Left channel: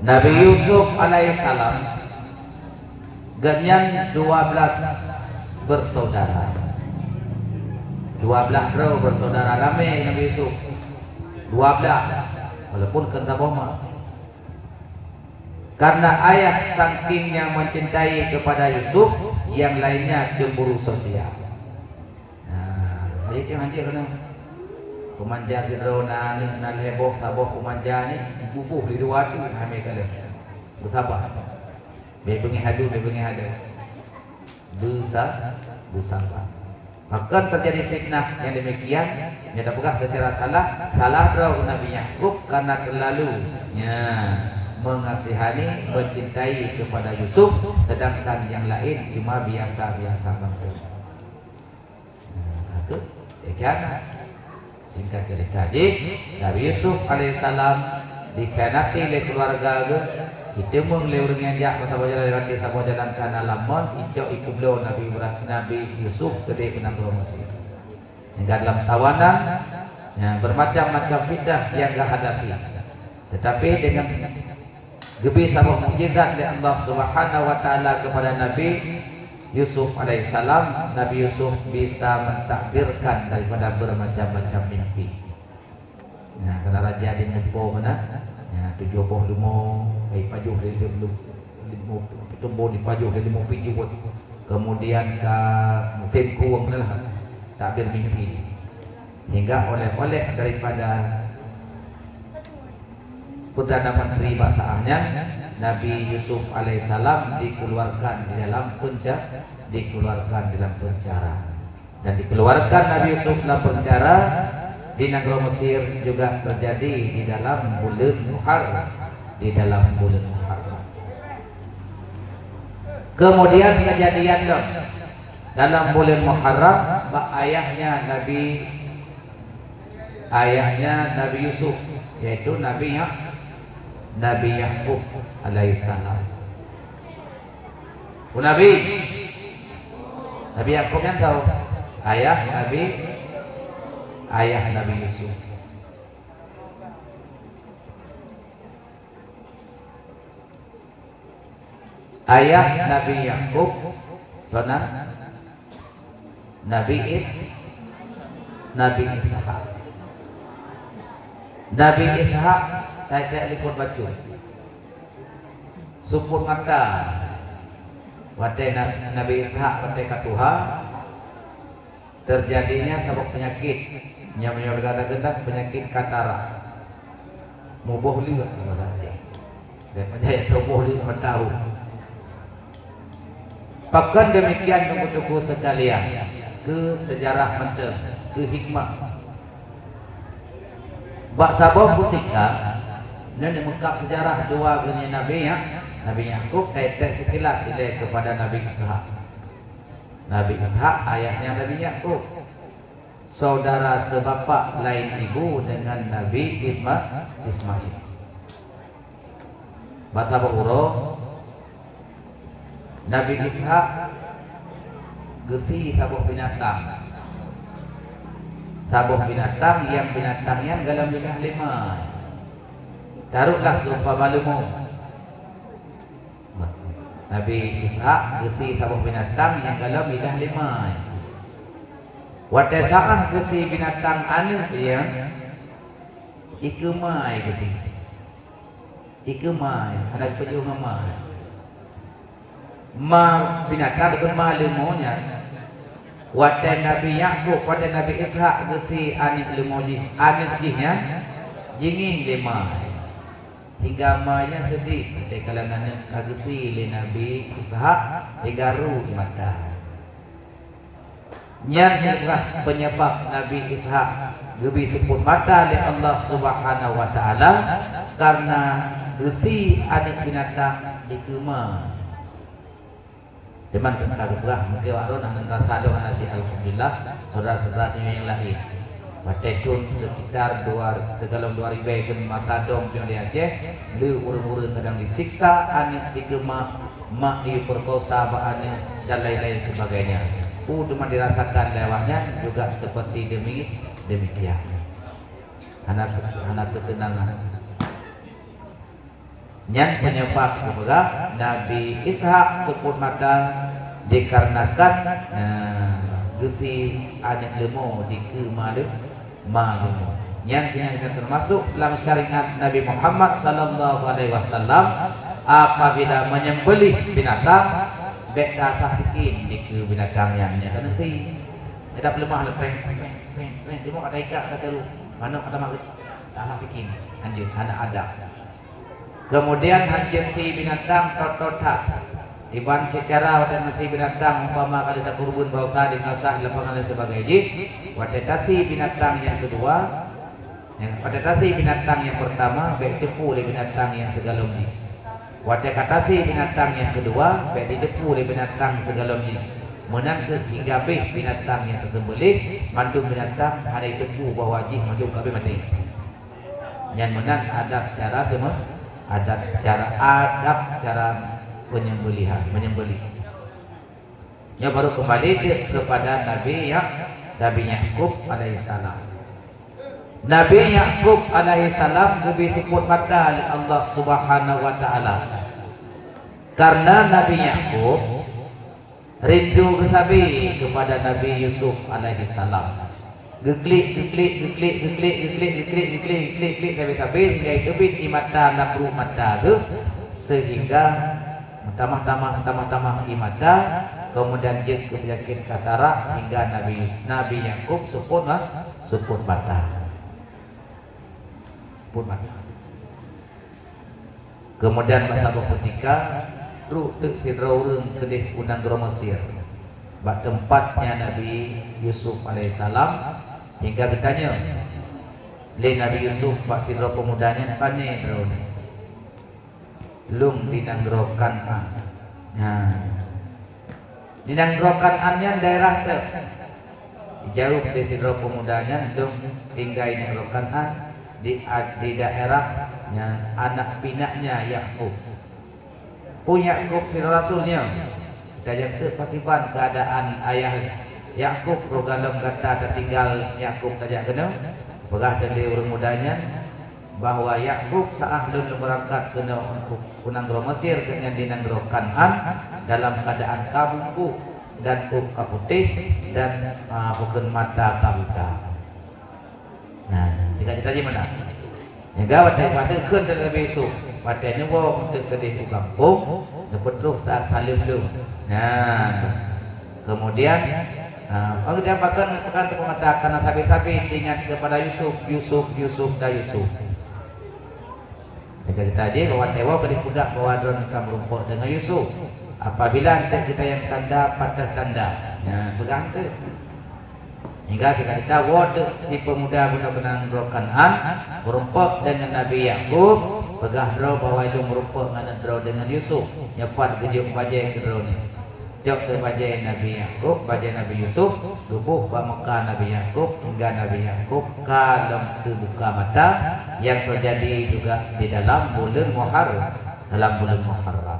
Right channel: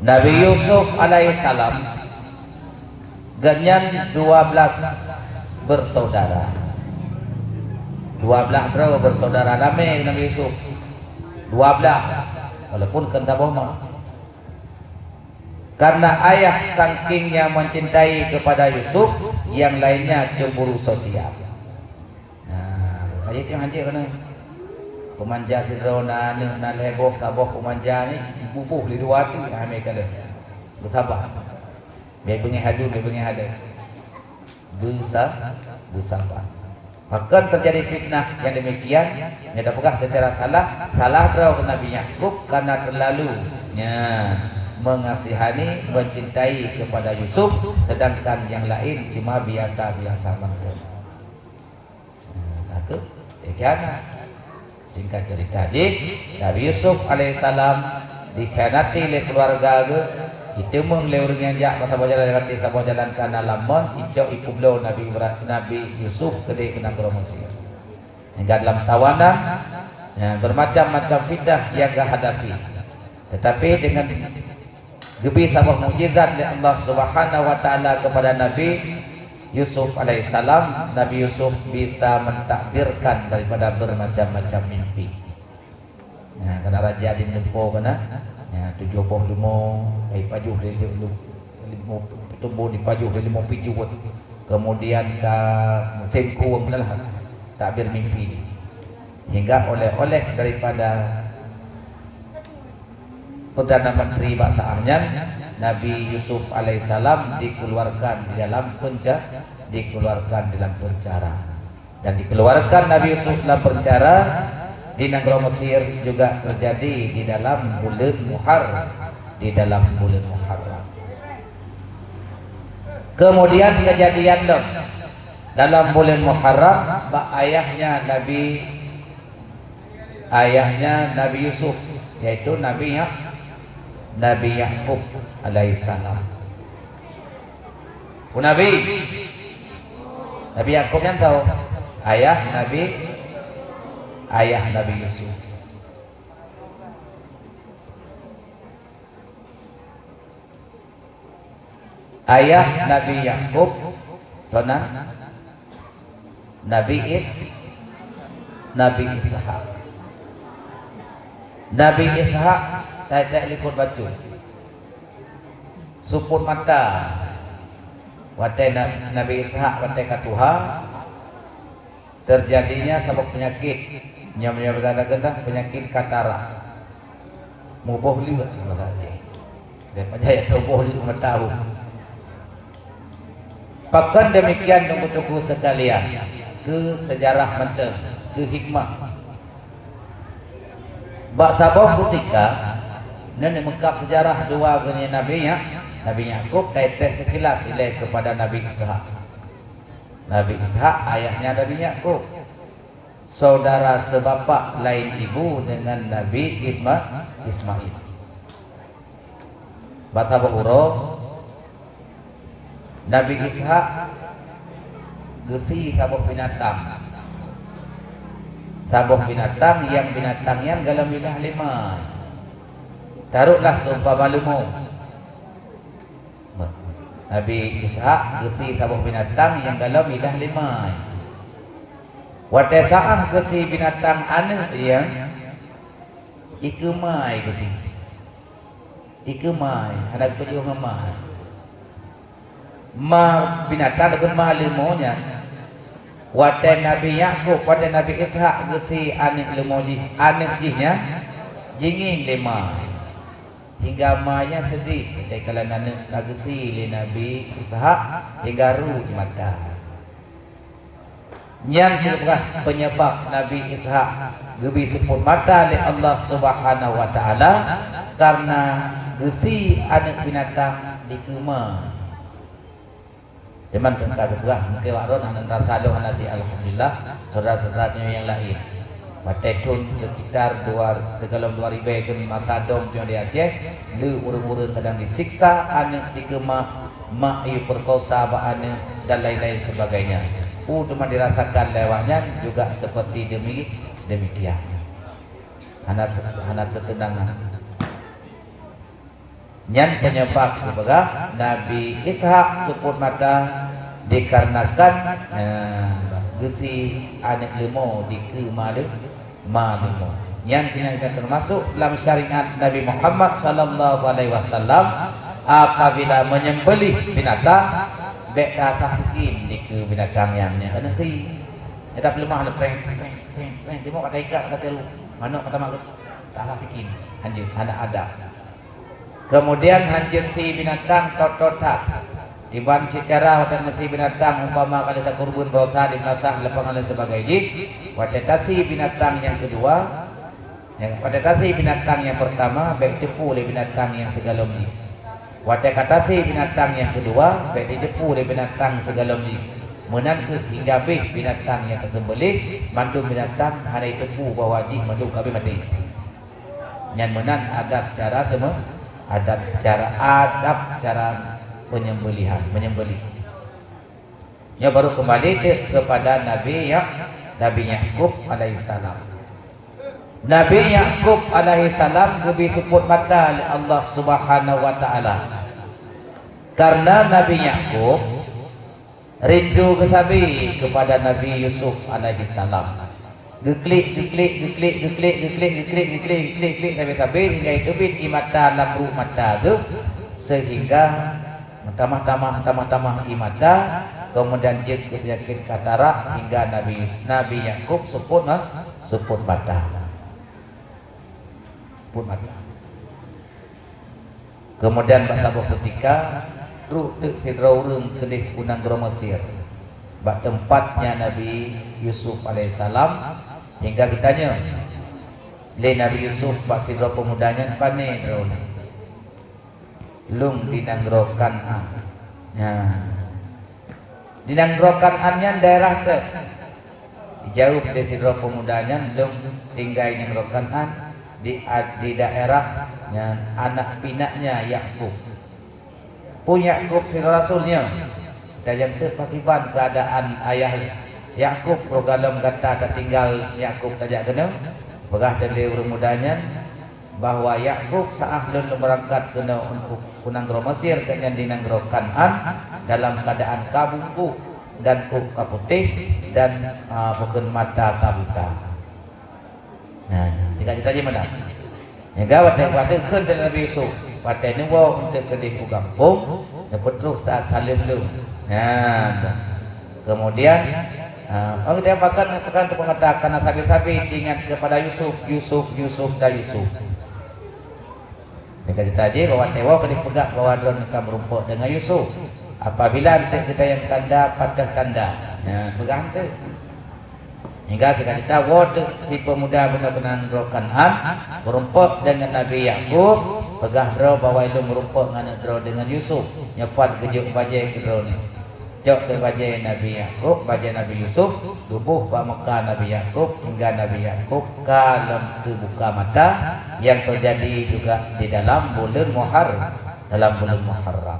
Nabi Yusuf alaihissalam ganyan 12 bersaudara. 12 bro bersaudara lame Nabi Yusuf. 12 walaupun kata bohong. Karena ayah sakingnya mencintai kepada Yusuf, yang lainnya cemburu sosial. Nah, ayat yang hancur kan? Kumanja sidrona nak heboh saboh kumanja ni bubuh di luar tu kami kata bersabar. Biar bengi hadu. Bersabar. Akan terjadi fitnah yang demikian. Mereka bukan secara salah terhadap Nabi Yakub karena terlalu mengasihani, mencintai kepada Yusuf, sedangkan yang lain cuma biasa-biasa saja. Itu dikana. Singkat cerita, Nabi Yusuf alaihissalam dikhianati oleh keluarga ditemung oleh orang yang jahat pasal berjalan lewat sabah jalan kana lamon icok ikublo Nabi Yusuf kedai ke negara Mesir. Hingga dalam tawanan bermacam-macam fitnah yang dia hadapi. Tetapi dengan gebi sabah mukjizat dari Allah Subhanahu wa taala kepada Nabi Yusuf alaihissalam, Nabi Yusuf bisa mentakbirkan daripada bermacam-macam mimpi. Karena raja di Nepal mana, 75 pajuh dari 5 tumbuh di pajuh dari 5 piju, kemudian ke Tempo takbir mimpi, hingga oleh-oleh daripada Perdana Menteri bangsa Ahnya Nabi Yusuf alaihissalam dikeluarkan di dalam penjara, dan dikeluarkan Nabi Yusuf dalam penjara di negara Mesir juga terjadi di dalam bulan Muharram. Kemudian kejadian dalam bulan Muharram, ayahnya Nabi Yusuf, yaitu Nabi Yakub alaihissalam. Nabi Yakub yang tahu ayah Nabi Yusuf. Ayah Nabi Yakub sana Nabi Ishak. Nabi Ishak tidak liput batu supur mata watai Nabi Ishak watai katuha terjadinya sebab penyakit yang berganda-ganda, penyakit katarak mubuh liwat dan penjaya tubuh liwat tahu. Bahkan demikian yang untuk sekalian, ke sejarah penting, ke hikmah bak sabah ketika dan mengungkap sejarah dua geni Nabi Yakub kaitan sekilas ilai kepada Nabi Ishak. Nabi Ishak ayahnya Nabi Yakub, saudara sebapak lain ibu dengan Nabi Ismail. Bahasa huruf Nabi Ishak gesi sabuh binatang yang binatangnya dalam bidang 5. Taruhlah sumpah malumu. Nabi Ishak gesi sabuh binatang yang dalam bidang 5. Watasa'ah gesi binatang anak yang ikumai gesi. Ikumai anak kecil mamai. Binatang dengan malumunya. Watai Nabi Yakub pada Nabi Ishak gesi anak lemoji, anak jihnya jingin 5 hingga manya sedih. Kalau anak gesi le Nabi Ishak hingga ruh mata. Nyaklah penyebab Nabi Ishak gebi supur mata oleh Allah Subhanahu wa taala karena gesi anak binatang di rumah. Cuman pengkar juga mungkin waron dan rasa doa nasi alhamdulillah saudara-saudaranya yang lain. Batekun sekitar 2 segalon 2000 ke masa dom di Aceh, lu urun-urun kadang disiksa, anak dikemah, mak diperkosa anak dan lain-lain sebagainya. Cuma dirasakan lewatnya juga seperti demikian. Anak ketenangan. Yang penyebab kepada Nabi Ishak suput mata dikarenakan gesi anak lemo di kemadu malemo. Yang termasuk dalam syariat Nabi Muhammad sallallahu alaihi wasallam, apabila menyembelih binatang beka sakikin di ke binatang yang nanti ada lemah treng tengok ada ikat kata lu mana kata makut sakikin anjir anak ada. Kemudian anjir si binatang tototak diban secara dan si binatang umpama kali tak kurban dosa ditasah lepangan dan sebagainya. Watetasi binatang yang kedua, yang watetasi binatang yang pertama baik tepu oleh binatang yang segalomji. Watetasi binatang yang kedua baik tepu oleh binatang segalomji. Menangkut hingga habis binatang yang tersembelih, mandu binatang hari tepu bawajih mandu habis mati. Yang menang ada cara semua, ada cara penyembelihan, menyembelih. Ya baru kembali kepada Nabi Yakub alaihissalam. Nabi Yakub alaihissalam lebih sebut kata oleh Allah Subhanahu wa taala. Karena Nabi Yakub rindu kesabi kepada Nabi Yusuf alaihissalam. Geklik sampai hingga itu di mata lampu mata sehingga tamah imata, kemudian jid penyakit katarak hingga Nabi Yakub seput mata. Kemudian pasal ketika Fir'aun kedih kunang Mesir, bak tempatnya Nabi Yusuf alaihissalam, hingga ditanya le Nabi Yusuf bak Fir'aun pemudanya pane lung dinangrokan dinangrokan annya daerah ke jauh dari Fir'aun pemudanya lung tinggal dinangrokan di daerah anak pinaknya Yakub. Punya Yakub si rasulnya dan kekiban keadaan ayah Yakub program kata tertinggal Yakub tajak kena berah dari mudanya bahwa Yakub saat berangkat kena untuk kunanggro Mesir kena dinanggro Kan'an dalam keadaan kabungku dan muka putih dan bukan mata kabuta. Nah, kita di mana? Ya gawat waktu kun dari Nabi Yusuf. Pakai nunggu untuk kedih kampung, betul saat salim dulu. Nah, kemudian kita akan mengatakan sabi-sabi ingat kepada Yusuf. Jika tadi bahwa Dewa kedipegak bahwa drone akan merumput dengan Yusuf. Apabila kita yang tanda pada tanda, nah pegang tu. Hingga kita waktu si pemuda berkenaan Kan'an merumput dengan Nabi Yakub, pegah draw bahwa itu merumput dengan Yusuf, nyepat gejuk bajai ke draw ni. Jok ke bajai Nabi Yakub, bajai Nabi Yusuf, tubuh muka Nabi Yakub hingga Nabi Yakub kalau terbuka mata yang terjadi juga di dalam bulan Muharram.